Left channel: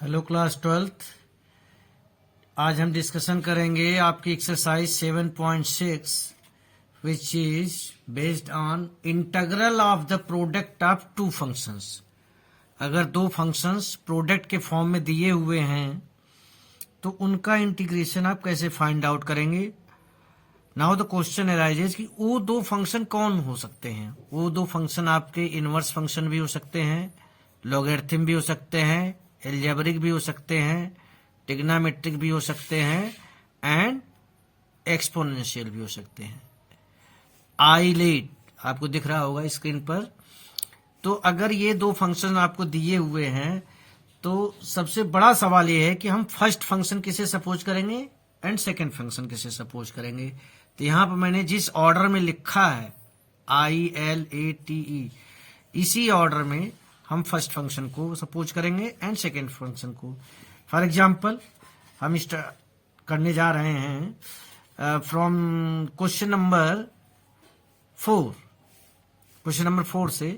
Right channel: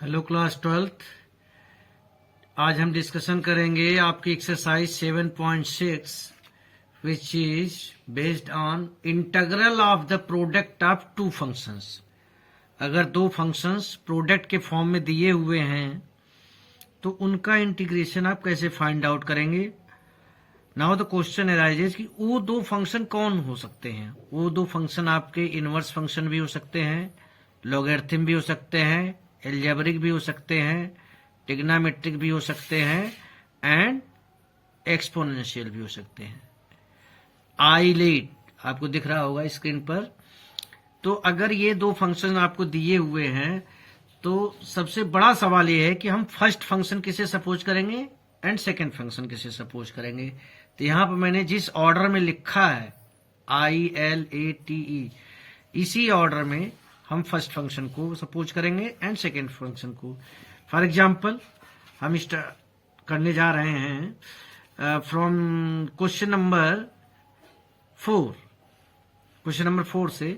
Hello class 12th। आज हम discussion करेंगे आपकी exercise 7.6 which is based on integral of the product of two functions. अगर दो फंक्शंस प्रोडक्ट के फॉर्म में दिए हुए हैं तो उनका इंटीग्रेशन आप कैसे फाइंड आउट करेंगे। नाउ द क्वेश्चन अराइजेस कि वो दो फंक्शन कौन हो सकते हैं। वो दो फंक्शन आपके इनवर्स फंक्शन भी हो सकते हैं, लॉगरिथम भी हो सकते हैं, एल्जेब्रिक भी हो सकते हैं, ट्रिग्नोमेट्रिक भी हो सकते हैं एंड एक्सपोनेंशियल भी हो सकते हैं। आइलेट आपको दिख रहा होगा स्क्रीन पर। तो अगर ये दो फंक्शन आपको दिए हुए हैं तो सबसे बड़ा सवाल ये है कि हम फर्स्ट फंक्शन किसे सपोज करेंगे एंड सेकंड फंक्शन किसे सपोज करेंगे। तो यहां पर मैंने जिस ऑर्डर में लिखा है ILATE, इसी ऑर्डर में हम फर्स्ट फंक्शन को सपोज करेंगे एंड सेकेंड फंक्शन को। फॉर एग्जाम्पल हम करने जा रहे हैं from question number 4। Question number 4 से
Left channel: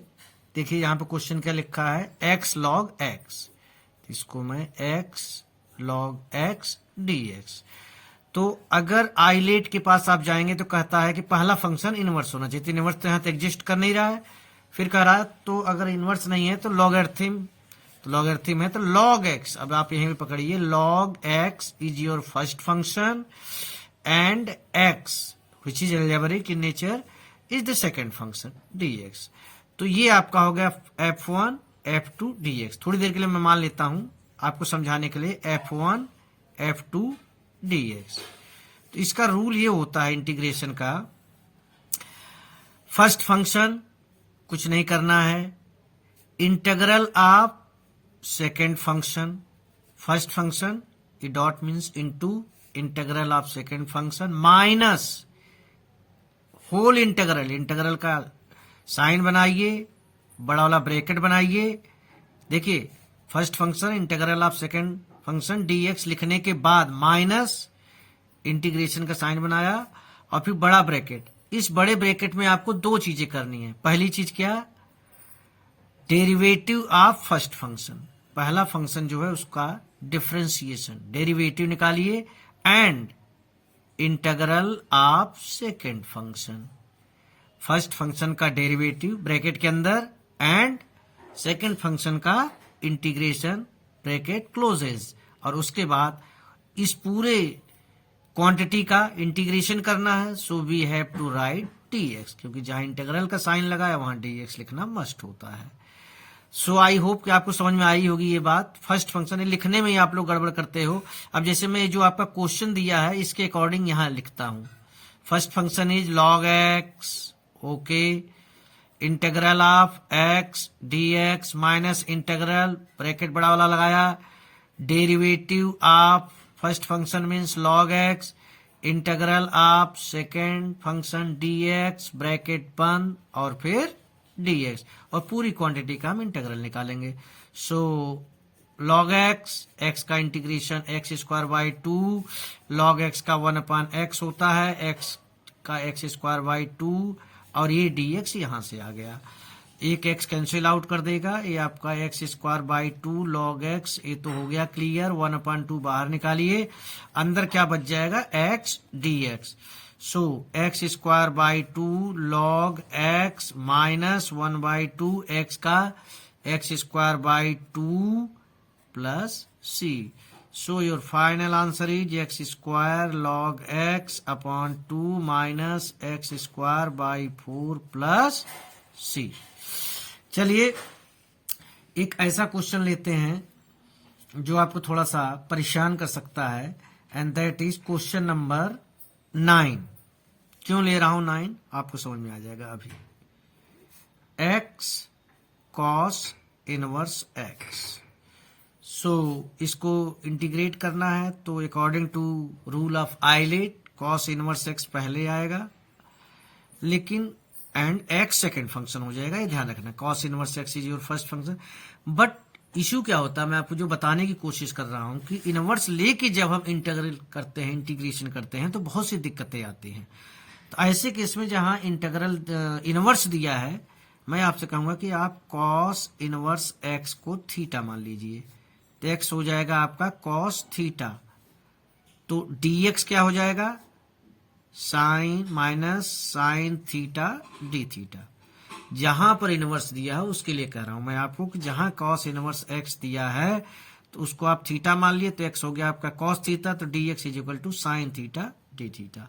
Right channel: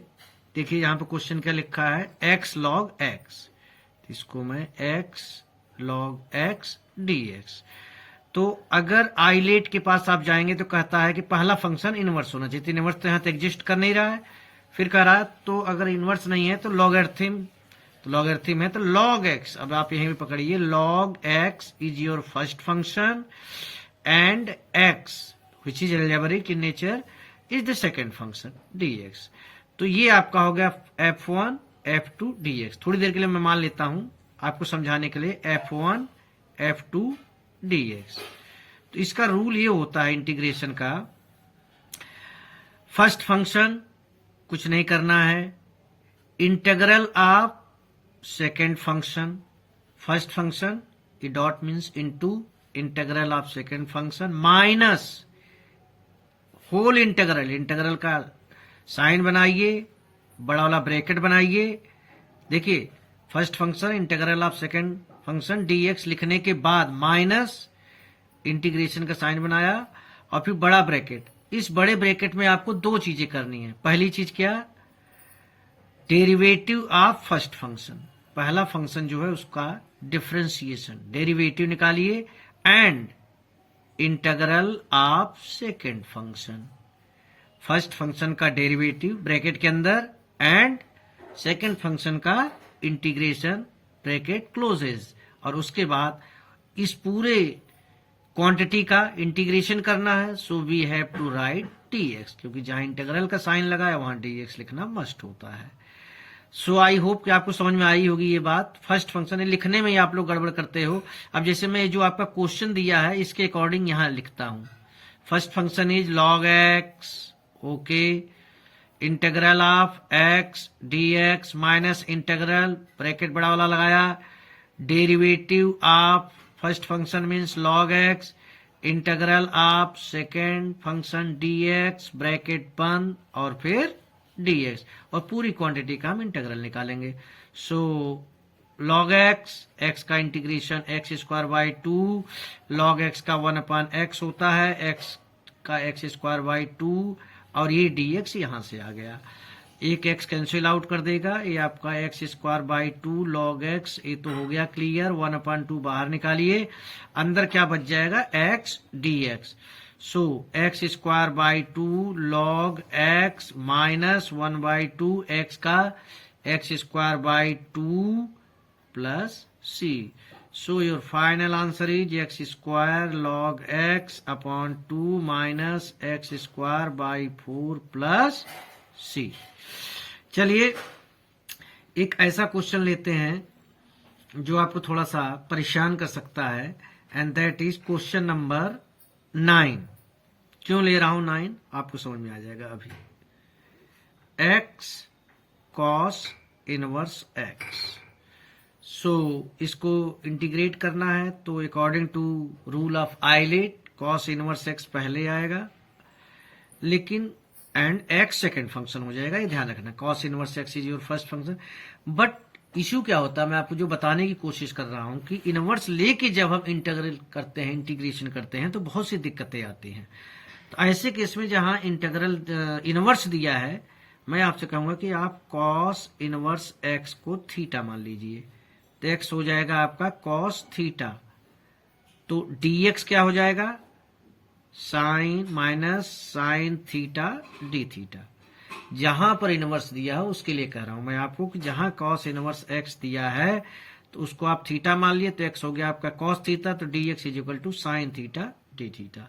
देखिए यहां पर क्वेश्चन क्या लिखा है, x log x। इसको मैं x log x dx। तो अगर आइलेट के पास आप जाएंगे तो कहता है कि पहला फंक्शन इनवर्स होना चाहिए। इनवर्स तो यहां तक एग्जिस्ट कर नहीं रहा है। फिर कह रहा है तो अगर इनवर्स नहीं है तो लॉगरिथम, तो लॉगरिथम है तो log x। अब आप यहीं पे पकड़िए, log x is your first function and x which is algebraic in nature is the second function dx। तो ये आपका हो गया f1 f2 dx। थोड़ी देर के लिए मैं मान लेता हूं आपको समझाने के लिए f1 f2 dx। तो इसका रूल ये होता है इंटीग्रेशन का, फर्स्ट फंक्शन कुछ नहीं करना है, integral of second function, first function ये dot means into integral of second function minus whole integral. Integral का साइन बनाइए, बड़ा वाला ब्रैकेट बनाइए। देखिए first function integral of second function dx लिखने के बाद माइनस इंटीग्रेशन का साइन बनाया और फिर बड़ा ब्रैकेट। इस बड़े ब्रैकेट में आपको दो चीजें करनी है। पहली चीज क्या, डेरिवेटिव ऑफ फर्स्ट फंक्शन, पहला फंक्शन जो है उसका डिफरेंशिएशन, डेरिवेटिव निकालिए and integral of second function, first function का डेरिवेटिव ब्रैकेट के अंदर एंड सेकेंड फंक्शन का इंटीग्रेशन ब्रैकेट क्लोजेस। और उसके बाद इस पूरे क्वांटिटी का इंटीग्रेशन करना है। So we have to write dx, क्योंकि जहां इंटीग्रल का साइन लगा है वहां dx लिखना मस्ट होता है। सो आई होप कि आपको समझ में आई होगी ये बात। फर्स्ट फंक्शन है, लिखने में ही आप लोग गड़बड़ करते हो। अब जैसे मैं जो आपका क्वेश्चन दिया है इसके अकॉर्डिंग यहां लिखता हूं, first function is log x, okay, integral of x dx minus integral bracket बड़ा वाला लगाया, derivative of first function means log x, integral of second function dx bracket बंद और फिर dx, और पूरी क्वांटिटी का हम इंटीग्रल निकालेंगे। सो log x, x का integration x square by 2, log x का 1/x होता है, x का x स्क्वायर बाई 2 और ये dx यहां से आ गया। एक x कैंसिल आउट कर देगा, ये आपका x square by 2 log x, ये तो हो गया क्लियर। 1/2 बाहर निकालिए, अंदर क्या बच जाएगा, x dx। So x square by 2 log x minus 1/2 x का x square by 2 plus c। So your final answer is x square log x upon 2 minus x square by 4 plus c। चलिए एक ऐसा question लेते हैं जो आपको थोड़ा सा परेशान कर सकता है and that is question number 9। क्यों ले रहा हूं 9 आपको समझ में आ जाएगा अभी। x cos inverse x। सो इसको इंटीग्रेट करना है तो according to rule of ILATE cos inverse x पहले आएगा, लेकिन एंड x सेकेंड फंक्शन हो जाएगा, ये ध्यान रखना। cos inverse x is your first function. But issue क्या होता है, मैं आपको जो बताने की कोशिश कर रहा हूं कि इनवर्स लेके जब हम इंटीग्रल करते हैं, इंटीग्रेशन करते हैं तो बहुत सी दिक्कतें आती हैं। तो ऐसे केस में जहां इंटीग्रल इनवर्स दिया है, मैं आपसे कहूंगा कि आप cos इनवर्स x को थीटा मान लीजिए। तो x हो जाएगा आपका कॉस थीटा, तो dx क्या हो जाएगा, sine minus sine theta d theta. जहां पर इनवर्स दिया है उसके लिए कह रहा हूं मैं आपको कि जहां कॉस इनवर्स x दिया है तो उसको आप थीटा मान लिए, तो x हो गया आपका कॉस थीटा, तो dx is equal to sine theta d theta.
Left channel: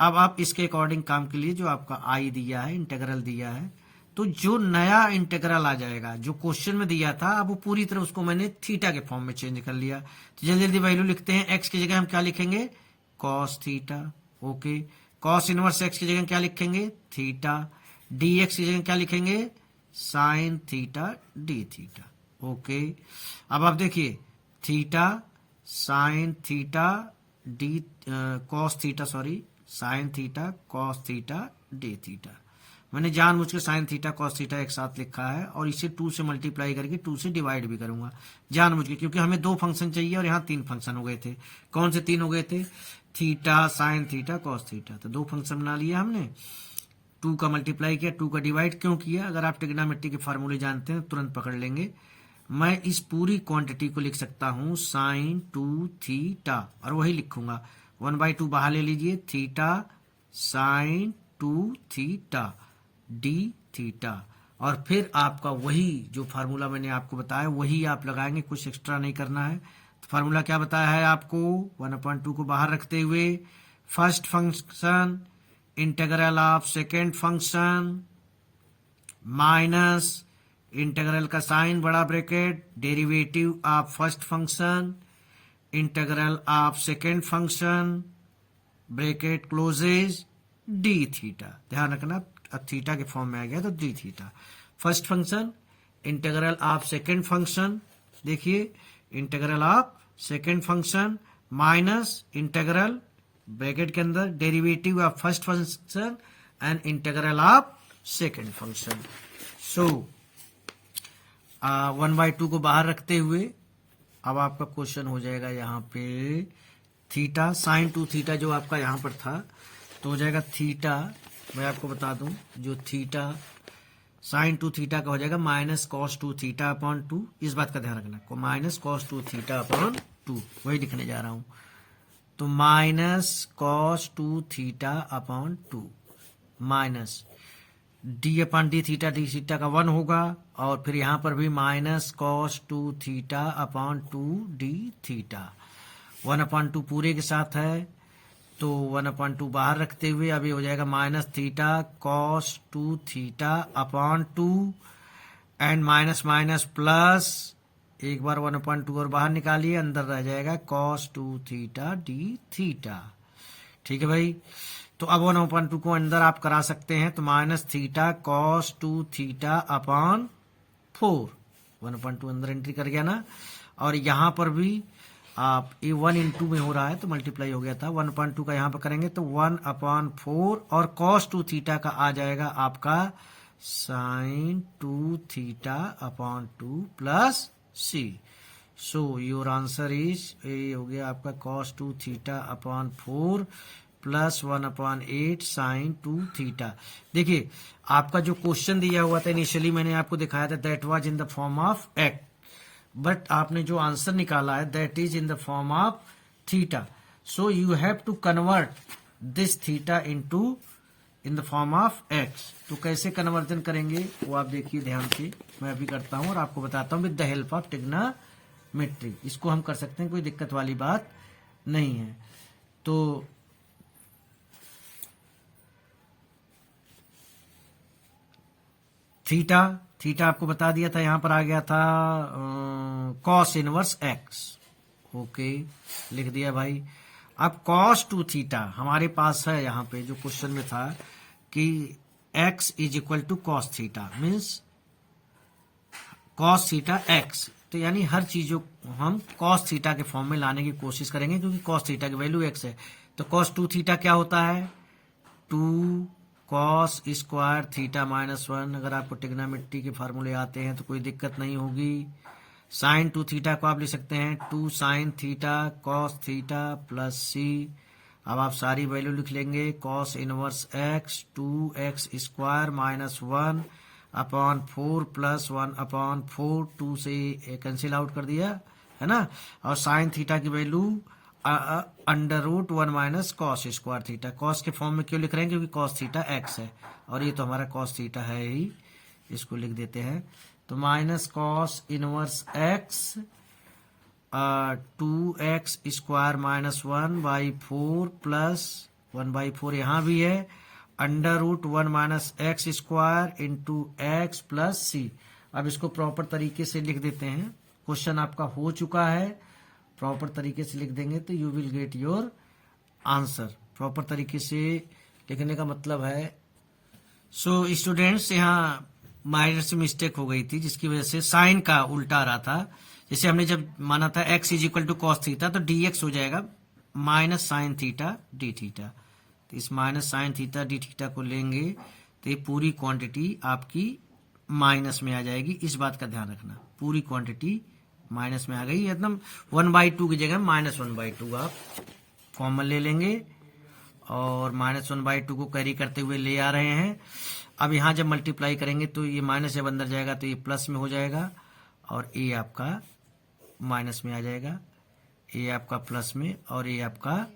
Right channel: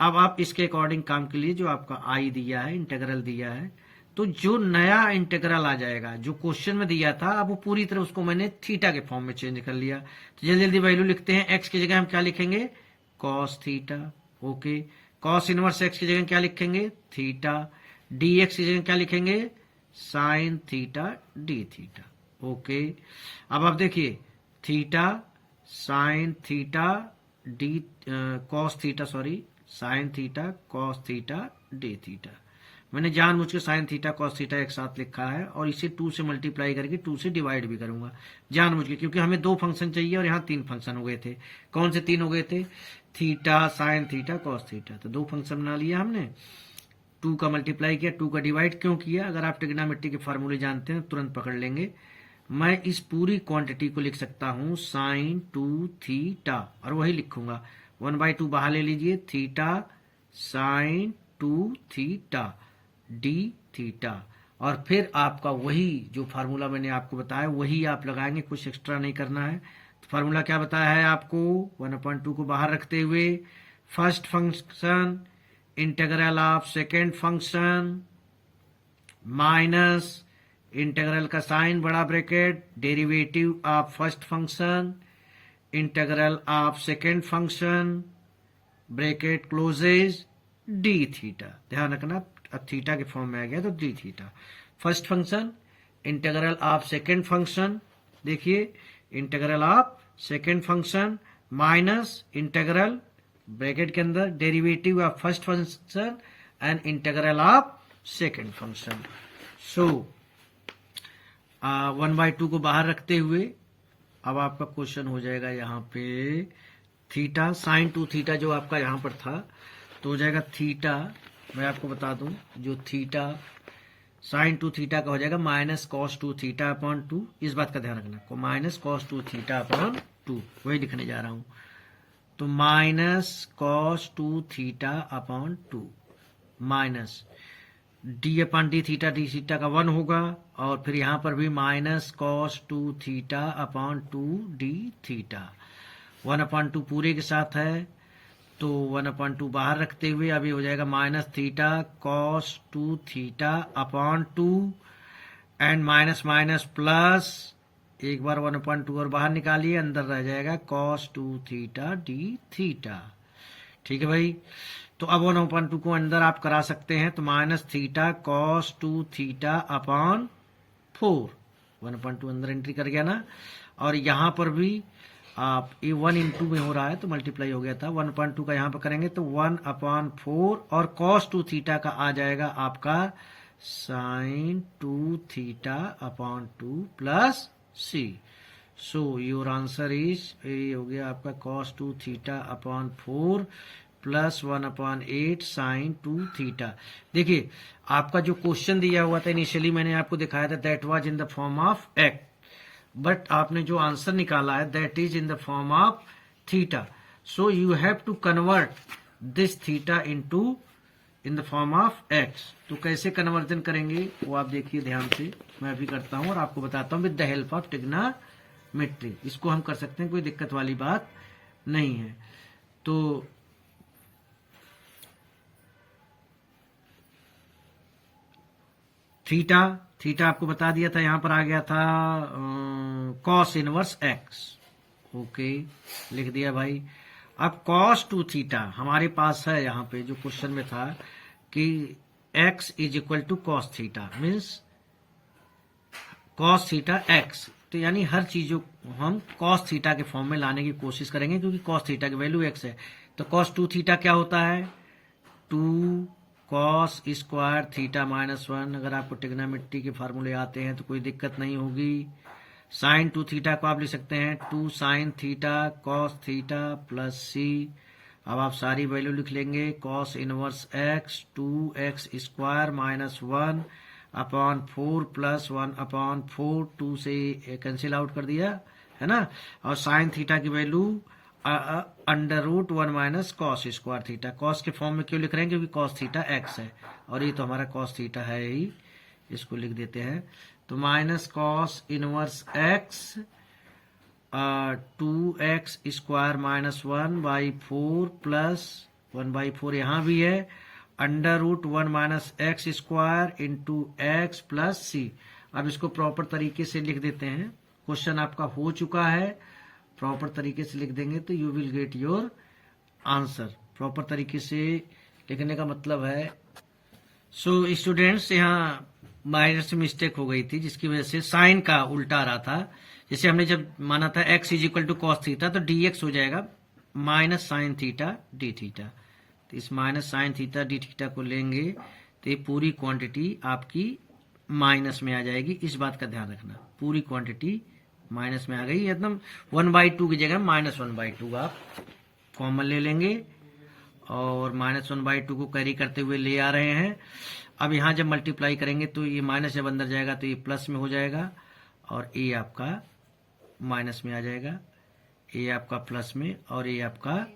अब आप इसके अकॉर्डिंग काम के लिए जो आपका आई दिया है, इंटीग्रल दिया है, तो जो नया इंटीग्रल आ जाएगा जो क्वेश्चन में दिया था, अब वो पूरी तरह उसको मैंने थीटा के फॉर्म में चेंज कर लिया। तो जल्दी जल्दी वैल्यू लिखते हैं। x की जगह हम क्या लिखेंगे, cos theta, okay. Cos inverse x की जगह क्या लिखेंगे, थीटा। dx की जगह क्या लिखेंगे, sign theta d theta, okay. अब आप देखिए, theta sine theta D cos theta, sorry sine theta cos theta d theta. मैंने जानबूझ के साइन थीटा कॉस थीटा एक साथ लिखा है और इसे 2 से मल्टीप्लाई करके 2 से डिवाइड भी करूंगा जानबूझ के, क्योंकि हमें 2 फंक्शन चाहिए और यहाँ 3 फंक्शन हो गए थे। कौन से 3 हो गए थे, theta sine theta cos theta, तो 2 फंक्शन बना लिया हमने। 2 का मल्टीप्लाई किया, 2 का डिवाइड क्यों किया, अगर आप ट्रिग्नोमेट्री के फार्मूले जानते हैं तुरंत पकड़ लेंगे। मैं इस पूरी क्वांटिटी को लिख सकता हूं साइन 2 थीटा, और वही लिखूंगा 1/2 बाहर ले लीजिए, theta sine 2 theta d theta, और फिर आपका वही जो फार्मूला मैंने आपको बताया वही आप लगाएंगे, कुछ एक्स्ट्रा नहीं करना है। तो फार्मूला क्या बताया है आपको, 1/2 को बाहर रखते हुए first function integral of second function minus integral का साइन बड़ा bracket derivative of first function integral of second function bracket closes d theta. ध्यान रखना, अब थीटा के फॉर्म में आ गया तो d theta. First function integral of second function, देखिए integral of second function minus integral bracket के अंदर derivative of first function and integral of second function. So 1/2 को बाहर रखते हुए अब आपका क्वेश्चन हो जाएगा यहाँ पे थीटा साइन 2 थीटा जो आपका यहाँ पर था, तो हो जाएगा थीटा, मैं आपको बता दूं, जो थीटा साइन 2 थीटा का हो जाएगा माइनस कॉस 2 थीटा अपॉन 2, इस बात का ध्यान रखना को माइनस कॉस 2 थीटा अपॉन 2, वही लिखने जा रहा हूं। तो minus cos 2 theta upon 2 minus D upon D theta का 1 होगा, और फिर यहां पर भी minus cos 2 theta upon 2 D theta. 1/2 पूरे के साथ है, तो 1/2 बाहर रखते हुए अब ये हो जाएगा minus theta cos 2 theta upon 2 and minus minus plus, एक बार 1/2 और बाहर निकालिए, अंदर रह जाएगा कॉस 2 थीटा डी थीटा। ठीक है भाई, तो अब 1/2 को अंदर आप करा सकते हैं, तो minus theta cos 2 theta upon 4, 1/2 अंदर एंट्री कर गया ना, और यहां पर भी आप ये 1 में हो रहा है तो मल्टीप्लाई हो गया था, 1/2 का यहाँ पर करेंगे तो 1/4 और cos 2 थीटा का आ जाएगा आपका sin 2 theta upon 2 plus c। So your answer is, ये हो गया आपका cos 2 theta upon 4 plus 1/8 sin 2 theta. देखिए आपका जो क्वेश्चन दिया हुआ था इनिशियली मैंने आपको दिखाया था, that was in the form of x, but आपने जो आंसर निकाला है that is in the form of theta. So you have to convert this theta into in the form of x. तो कैसे कन्वर्जन करेंगे वो आप देखिए ध्यान से, मैं भी करता हूं और आपको बताता हूं with the help of trigonometry. इसको हम कर सकते हैं, कोई दिक्कत वाली बात नहीं है। तो थीटा आपको बता दिया था, यहां पर आ गया था कॉस इनवर्स एक्स, ओके लिख दिया भाई। अब कॉस 2 थीटा हमारे पास है, यहाँ पे जो क्वेश्चन में था कि x is equal to cos theta, means cos theta x, तो यानी हर चीज हम कॉस थीटा के फॉर्म में लाने की कोशिश करेंगे, क्योंकि कॉस थीटा की वैल्यू x है। तो कॉस 2 थीटा क्या होता है, 2 कॉस स्क्वायर थीटा माइनस 1। अगर आपको ट्रिग्नोमेट्री के फार्मूले आते हैं तो कोई दिक्कत नहीं होगी। साइन 2 थीटा को आप लिख सकते हैं 2 sine theta cos theta plus c। अब आप सारी वैल्यू लिख लेंगे, cos inverse x 2x square minus 1 upon 4 plus 1/4, 2 से कैंसिल आउट कर दिया, है ना। और साइन थीटा की value √1 minus cos square theta. Cos के फॉर्म में क्यों लिख रहे हैं, क्योंकि कॉस थीटा एक्स है और ये तो हमारा कॉस थीटा है ही, इसको लिख देते हैं। तो minus cos inverse x 2x square minus 1/4 plus 1/4 यहाँ भी है, √1 minus x square into x plus c. अब इसको प्रॉपर तरीके से लिख देते हैं, क्वेश्चन आपका हो चुका है, प्रॉपर तरीके से लिख देंगे तो you will get your answer. Proper तरीके से लिखने का मतलब है, सो स्टूडेंट्स यहाँ माइनर से मिस्टेक हो गई थी जिसकी वजह से साइन का उल्टा आ रहा था। जैसे हमने जब माना था x is equal to cos theta, तो dx हो जाएगा minus sine theta d theta. तो इस minus sine theta d theta को लेंगे तो ये पूरी क्वांटिटी आपकी माइनस में आ जाएगी। इस बात का ध्यान रखना, पूरी क्वांटिटी माइनस में आ गई, एकदम 1/2 की जगह -1/2 आप कॉमन ले लेंगे और -1/2 को कैरी करते हुए ले आ रहे हैं। अब यहाँ जब मल्टीप्लाई करेंगे तो ये माइनस जब अंदर जाएगा तो ये प्लस में हो जाएगा और ये आपका माइनस में आ जाएगा, ये आपका प्लस में और ये आपका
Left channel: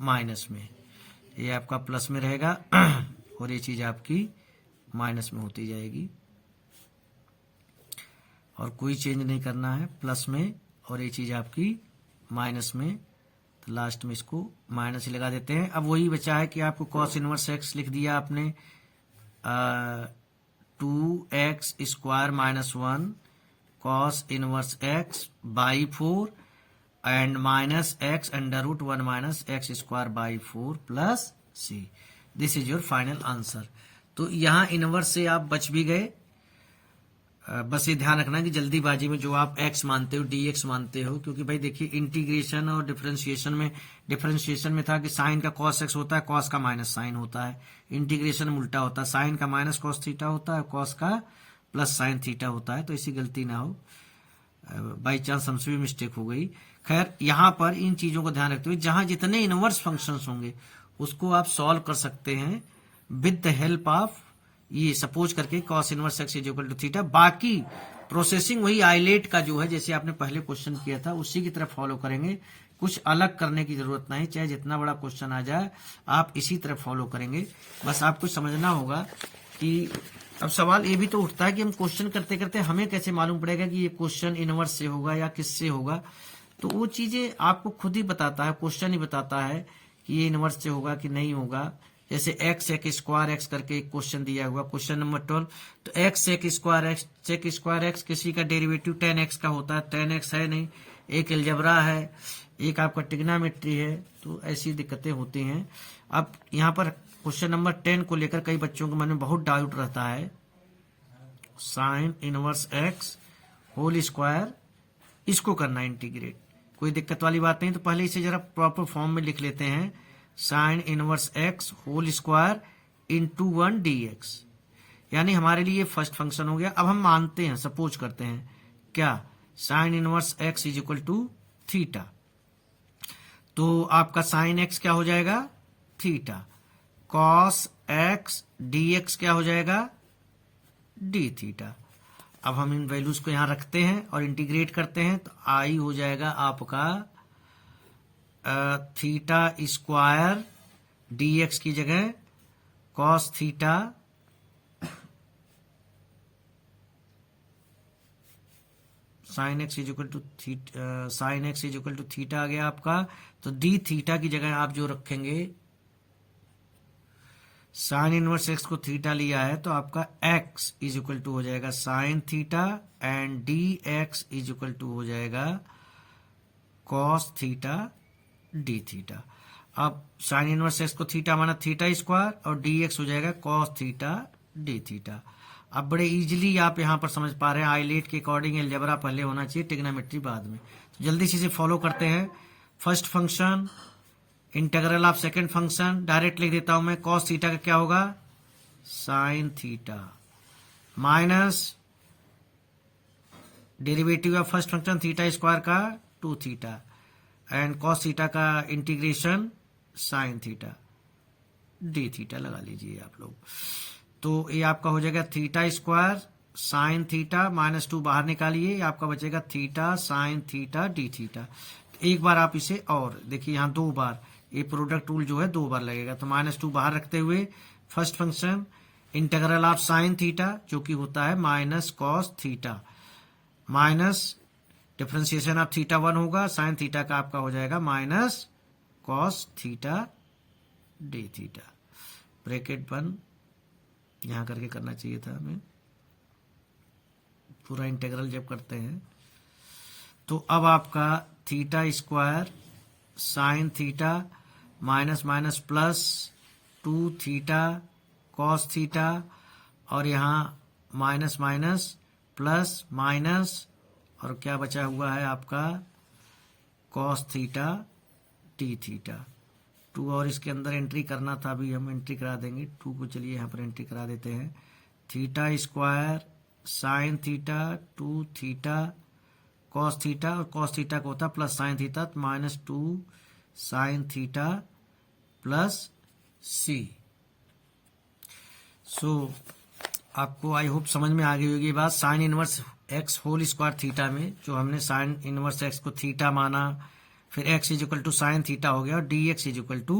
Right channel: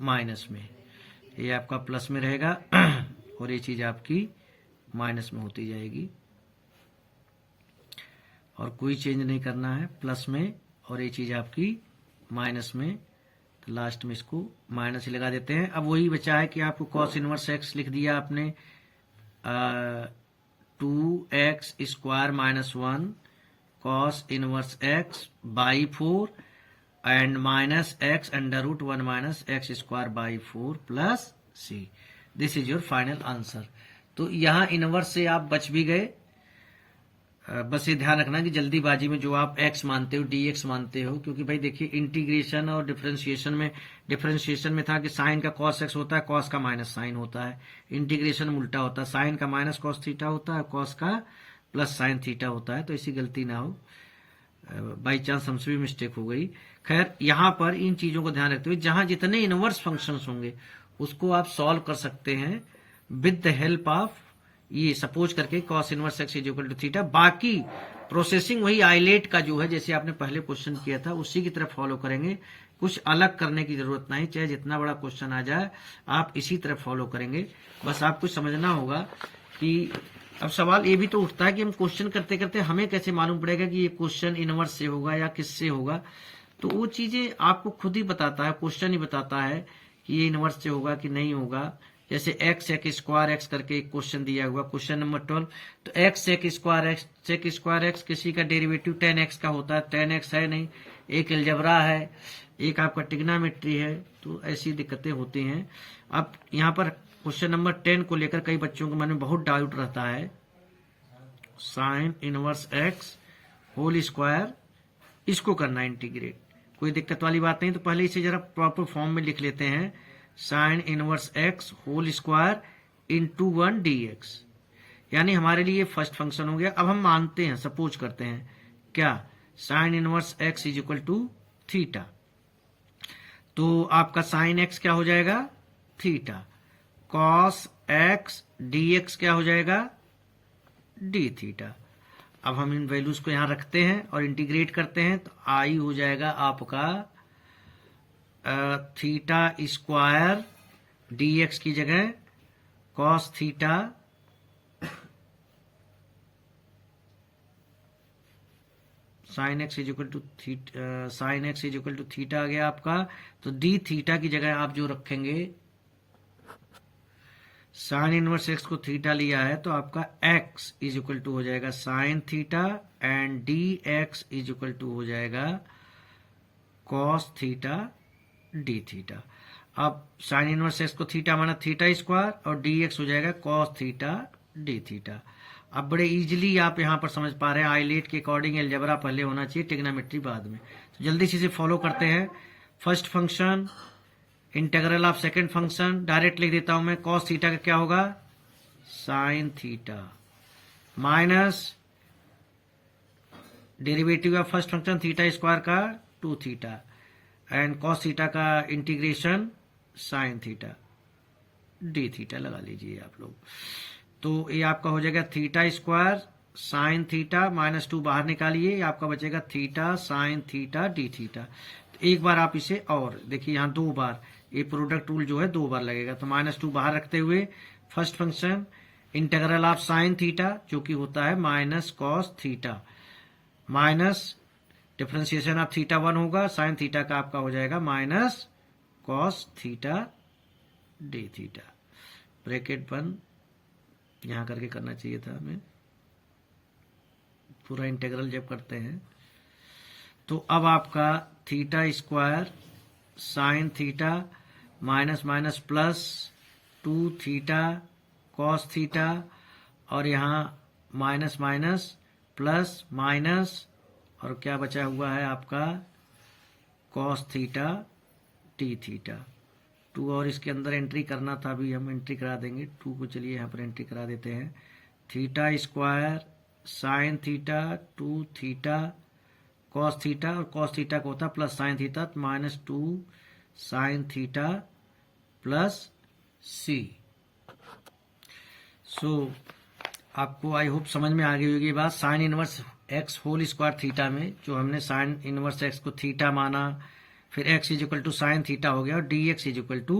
माइनस में, ये आपका प्लस में रहेगा और ये चीज आपकी माइनस में होती जाएगी और कोई चेंज नहीं करना है, प्लस में और ये चीज आपकी माइनस में। तो लास्ट में इसको माइनस ही लगा देते हैं। अब वही बचा है कि आपको कॉस इनवर्स एक्स लिख दिया आपने 2x square minus 1 cos inverse x by 4 and minus x √1 minus x square by 4 plus c. This is your final answer. तो यहाँ इनवर्स से आप बच भी गए। बस ये ध्यान रखना कि जल्दीबाजी में जो आप x मानते हो dx मानते हो, क्योंकि भाई देखिए इंटीग्रेशन और डिफरेंशिएशन में था कि साइन का cos x होता है, cos का माइनस साइन होता है। इंटीग्रेशन में उल्टा होता है, साइन का माइनस cos थीटा होता है, cos का प्लस साइन थीटा होता है। तो ऐसी गलती ना हो, बाई चांस हमसे भी मिस्टेक हो गई। खैर यहाँ पर इन चीजों को ध्यान रखते हुए जहां जितने इनवर्स फंक्शंस होंगे उसको आप सॉल्व कर सकते हैं विद द हेल्प ऑफ ये सपोज करके cos inverse x is equal to theta. बाकी प्रोसेसिंग वही आइलेट का जो है, जैसे आपने पहले क्वेश्चन किया था उसी की तरफ फॉलो करेंगे, कुछ अलग करने की जरूरत नहीं। चाहे जितना बड़ा क्वेश्चन आ जाए आप इसी तरफ फॉलो करेंगे। बस आपको समझना होगा कि अब सवाल ये भी तो उठता है कि हम क्वेश्चन करते करते हमें कैसे मालूम पड़ेगा कि ये क्वेश्चन इनवर्स से होगा या किससे होगा। तो वो चीजें आपको खुद ही बताता है, क्वेश्चन ही बताता है कि ये इनवर्स से होगा कि नहीं होगा। जैसे x sec स्क्वायर एक्स करके एक क्वेश्चन दिया हुआ, क्वेश्चन नंबर 12, तो x sec स्क्वायर एक्स किसी का डेरिवेटिव 10x का होता है, 10x है नहीं, एक अलजेब्रा है, एक आपका ट्रिग्नोमेट्री है, तो ऐसी दिक्कतें होती हैं। अब यहाँ पर क्वेश्चन नंबर 10 को लेकर कई बच्चों के मन में बहुत डाउट रहता है, sine inverse x whole square, इसको करना इंटीग्रेट, कोई दिक्कत वाली बात नहीं। तो पहले इसे जरा प्रॉपर फॉर्म में लिख लेते हैं, sine inverse x whole square into 1 dx, यानी हमारे लिए फर्स्ट फंक्शन हो गया। अब हम मानते हैं, सपोज करते हैं क्या, sine inverse x is equal to theta, तो आपका साइन x क्या हो जाएगा, थीटा, कॉस x dx क्या हो जाएगा, d थीटा। अब हम इन वैल्यूज को यहां रखते हैं और इंटीग्रेट करते हैं, तो आई हो जाएगा आपका थीटा स्क्वायर dx की जगह cos theta sine x is equal to theta आ गया आपका। तो डी थीटा की जगह आप जो रखेंगे, साइन इनवर्स एक्स को थीटा लिया है तो आपका x इज इक्वल टू हो जाएगा sine theta and d x is equal to हो जाएगा कॉस थीटा डी थीटा। अब साइन इनवर्स एक्स को थीटा माना थीटा स्क्वायर और डी एक्स हो जाएगा कॉस थीटा डी थीटा। अब बड़े इजीली आप यहां पर समझ पा रहे हैं, आइलेट के अकॉर्डिंग अलजेब्रा पहले होना चाहिए, ट्रिग्नोमेट्री बाद में। तो जल्दी से इसे फॉलो करते हैं। First function integral of second function, direct लिख देता हूं मैं, कॉस थीटा का क्या होगा, sign theta minus derivative of first function theta square का 2 थीटा एंड कॉस थीटा का integration sign theta d theta लगा लीजिए आप लोग। तो ये आपका हो जाएगा theta square sine theta minus 2 बाहर निकालिए, आपका बचेगा theta sine theta d theta. एक बार आप इसे और देखिए, यहाँ 2 बार ये प्रोडक्ट रूल जो है 2 बार लगेगा, तो माइनस 2 बाहर रखते हुए first function integral of sine theta जो कि होता है minus cos theta, minus differentiation of theta 1 होगा, साइन थीटा का आपका हो जाएगा minus cos theta d theta, bracket बंद। यहां करके करना चाहिए था हमें, पूरा इंटीग्रल जब करते हैं। तो अब आपका theta square sine theta minus minus plus 2 theta cos theta, और यहाँ माइनस माइनस प्लस माइनस, और क्या बचा हुआ है आपका कॉस थीटा टी थीटा। 2 और इसके अंदर एंट्री करना था, अभी हम एंट्री करा देंगे 2 को। चलिए यहाँ पर एंट्री करा देते हैं। Theta square sine theta 2 theta cos theta, और कॉस थीटा को होता है plus sine theta, minus 2 sine theta plus c. So आपको आई होप समझ में आ गई होगी बात। Sine inverse x whole square theta में जो हमने साइन इनवर्स एक्स को थीटा माना, फिर x is equal to sine theta हो गया, और d x is equal to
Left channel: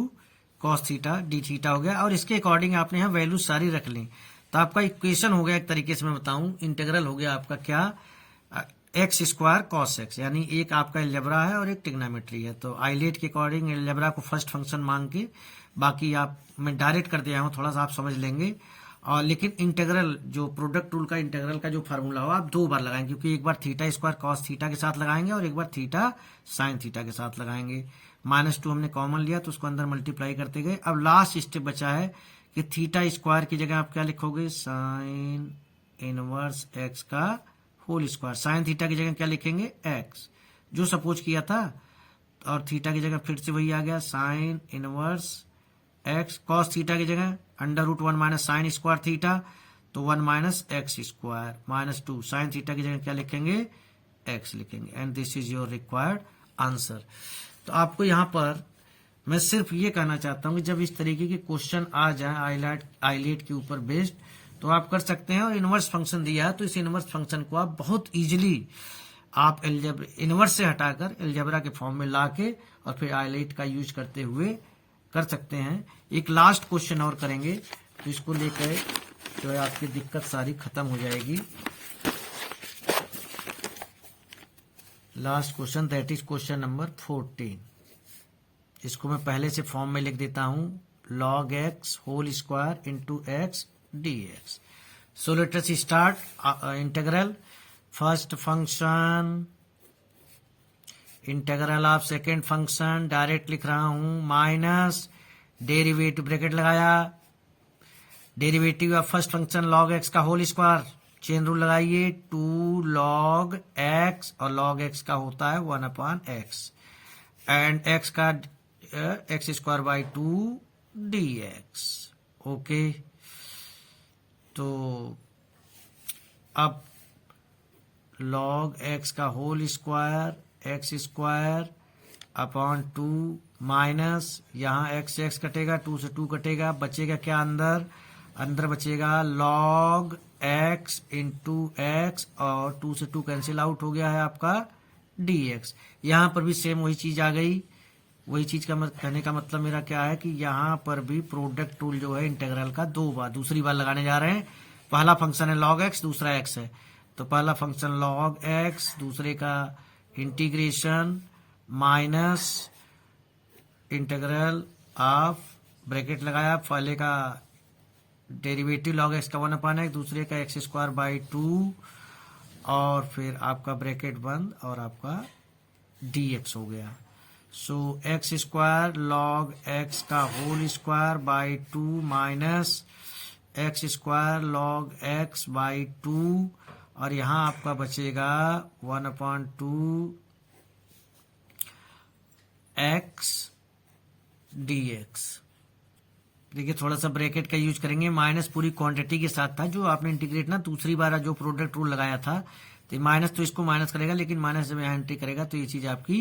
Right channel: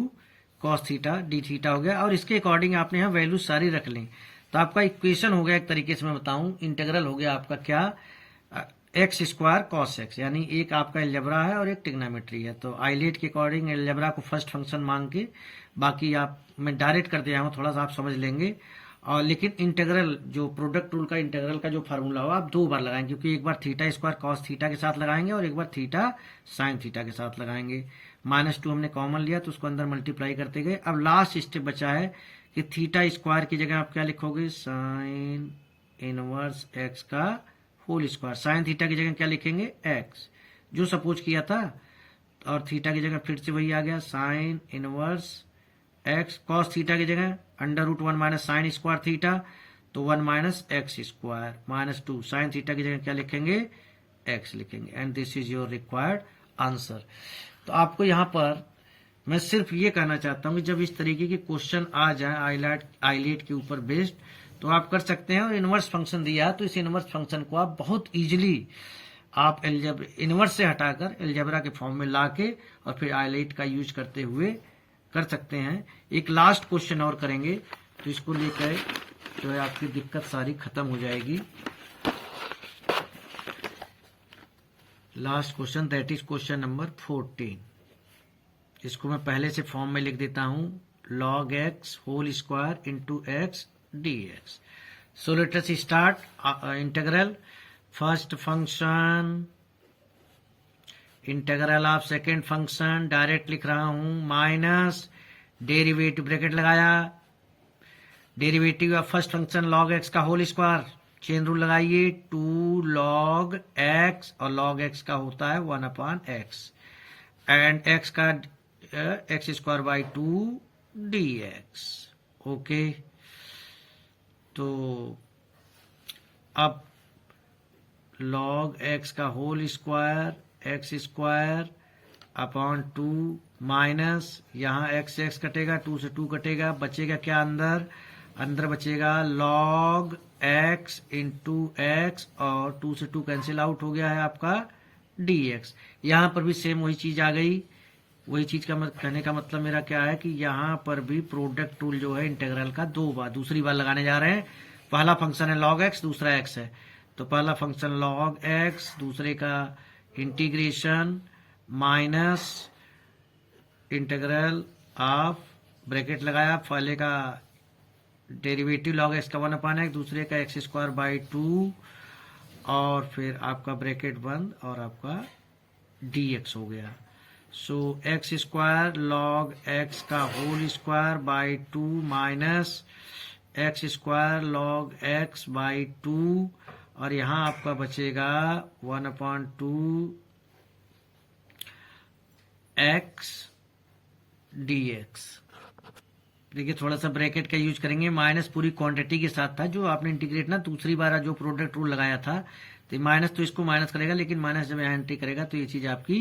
cos theta d theta हो गया, और इसके अकॉर्डिंग आपने यहाँ वैल्यू सारी रख ली। तो आपका इक्वेशन हो गया एक तरीके से मैं बताऊं, इंटीग्रल हो गया आपका क्या, एक्स स्क्वायर कॉस एक्स, यानी एक आपका एलजेब्रा है और एक ट्रिग्नोमेट्री है। तो आइलेट के अकॉर्डिंग एलजेब्रा को फर्स्ट फंक्शन मांग के, बाकी आप मैं डायरेक्ट कर दिया हूँ, थोड़ा सा आप समझ लेंगे। और लेकिन इंटीग्रल जो प्रोडक्ट रूल का इंटीग्रल का जो फार्मूला हो आप 2 बार लगाएंगे, क्योंकि एक बार थीटा स्क्वायर कॉस थीटा के साथ लगाएंगे और एक बार थीटा साइन थीटा के साथ लगाएंगे। माइनस 2 हमने कॉमन लिया तो उसको अंदर मल्टीप्लाई करते गए। अब लास्ट स्टेप बचा है कि थीटा स्क्वायर की जगह आप क्या लिखोगे, साइन इनवर्स एक्स का होल स्क्वायर। साइन थीटा की जगह क्या लिखेंगे, एक्स जो सपोज किया था, और थीटा की जगह फिर से वही आ गया sine inverse x. Cos theta की जगह under root 1 minus sine square theta, तो 1 minus x square minus 2 sine theta की जगह क्या लिखेंगे, एक्स लिखेंगे, and this is your required answer. तो आपको यहाँ पर मैं सिर्फ ये कहना चाहता हूँ कि जब इस तरीके के क्वेश्चन आ जाए आइलेट के ऊपर बेस्ड, तो आप कर सकते हैं। और इनवर्स फंक्शन दिया है तो इस इनवर्स फंक्शन को आप बहुत इजीली आप इनवर्स से हटाकर एलजेब्रा के फॉर्म में लाके और फिर आइलेट का यूज करते हुए कर सकते हैं। एक लास्ट क्वेश्चन और करेंगे, तो इसको लेकर जो है आपकी दिक्कत सारी खत्म हो जाएगी। Last question, that is question number 14। इसको मैं पहले से फॉर्म में लिख देता हूं, log x whole square into x d x. So let us start integral. First function integral of second function, direct लिख रहा हूं, माइनस डेरिवेटिव ब्रैकेट लगाया, derivative of first function log x का होल स्क्वायर, चेन रूल लगाइए, 2 log x, और log x का होता है 1 अपॉन एक्स, एंड x का x square by 2 d x. Okay, तो अब log x का whole square x square upon 2 minus, यहाँ एक्स एक्स कटेगा, 2 से 2 कटेगा, बचेगा क्या अंदर, अंदर बचेगा log x इंटू एक्स, और 2 से 2 कैंसिल आउट हो गया है आपका dx। यहाँ पर भी सेम वही चीज आ गई। वही चीज का कहने का मतलब मेरा क्या है कि यहाँ पर भी प्रोडक्ट रूल जो है इंटीग्रल का 2 बार दूसरी बार लगाने जा रहे हैं। पहला फंक्शन है log x, दूसरा x है, तो पहला फंक्शन log x, दूसरे का integration minus integral of bracket लगाया, पहले का डेरिवेटिव log x का 1 अपॉन एक्स, दूसरे का एक्स स्क्वायर बाई 2, और फिर आपका ब्रैकेट बंद और आपका dx हो गया। So x square log x का whole square by 2 minus x square log x by 2, और यहाँ आपका बचेगा 1 अपॉन 2 एक्स dx। देखिए थोड़ा सा ब्रैकेट का यूज करेंगे, माइनस पूरी क्वांटिटी के साथ था जो आपने इंटीग्रेट ना दूसरी बार जो प्रोडक्ट रूल लगाया था, तो माइनस तो इसको माइनस करेगा, लेकिन माइनस जब यहाँ एंट्री करेगा तो ये चीज आपकी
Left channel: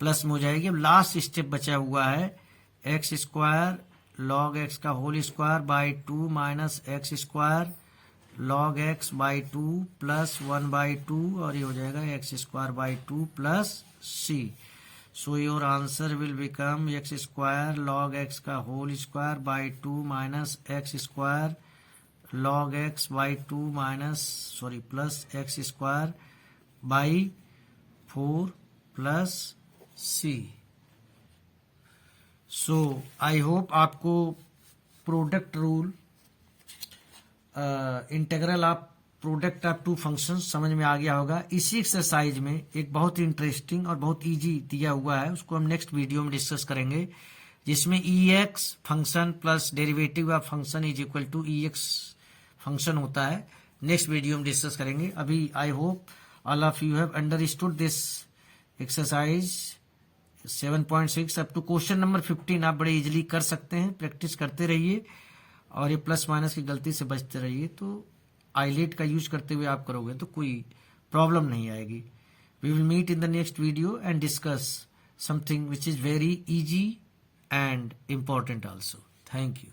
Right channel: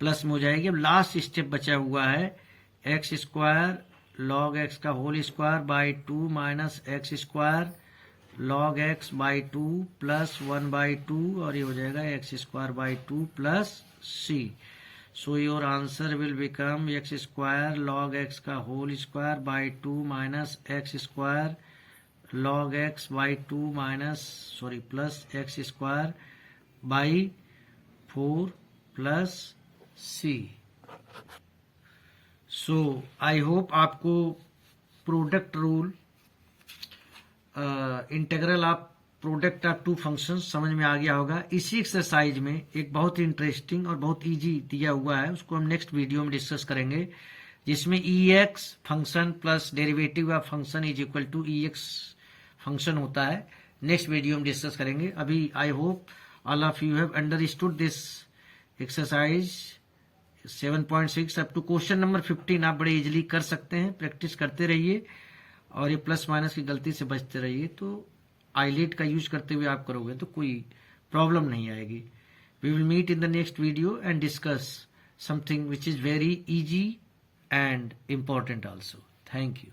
प्लस में हो जाएगी। अब लास्ट स्टेप बचा हुआ है एक्स स्क्वायर log x का whole square by 2 minus x square log x by 2 plus 1/2 और ये हो जाएगा x square by 2 plus c. So your answer will become x square log x का whole square by 2 minus x square log x by 2 minus plus x square by 4 plus c. So I hope आपको product rule integral of product of two functions समझ में आ गया होगा. इसी exercise में एक बहुत इंटरेस्टिंग और बहुत इजी दिया हुआ है, उसको हम नेक्स्ट वीडियो में डिस्कस करेंगे, जिसमें EX function plus derivative of function is equal to EX function होता है. नेक्स्ट वीडियो में डिस्कस करेंगे. अभी I hope all of you have understood this exercise 7.6 up to question number 15 आप बड़े इजीली कर सकते हैं. प्रैक्टिस करते रहिए और ये प्लस माइनस की गलती से बचते रहिए, तो आईलेट का यूज करते हुए आप करोगे तो कोई प्रॉब्लम नहीं आएगी. We will meet in the next video and discuss something which is very easy and important also. Thank you.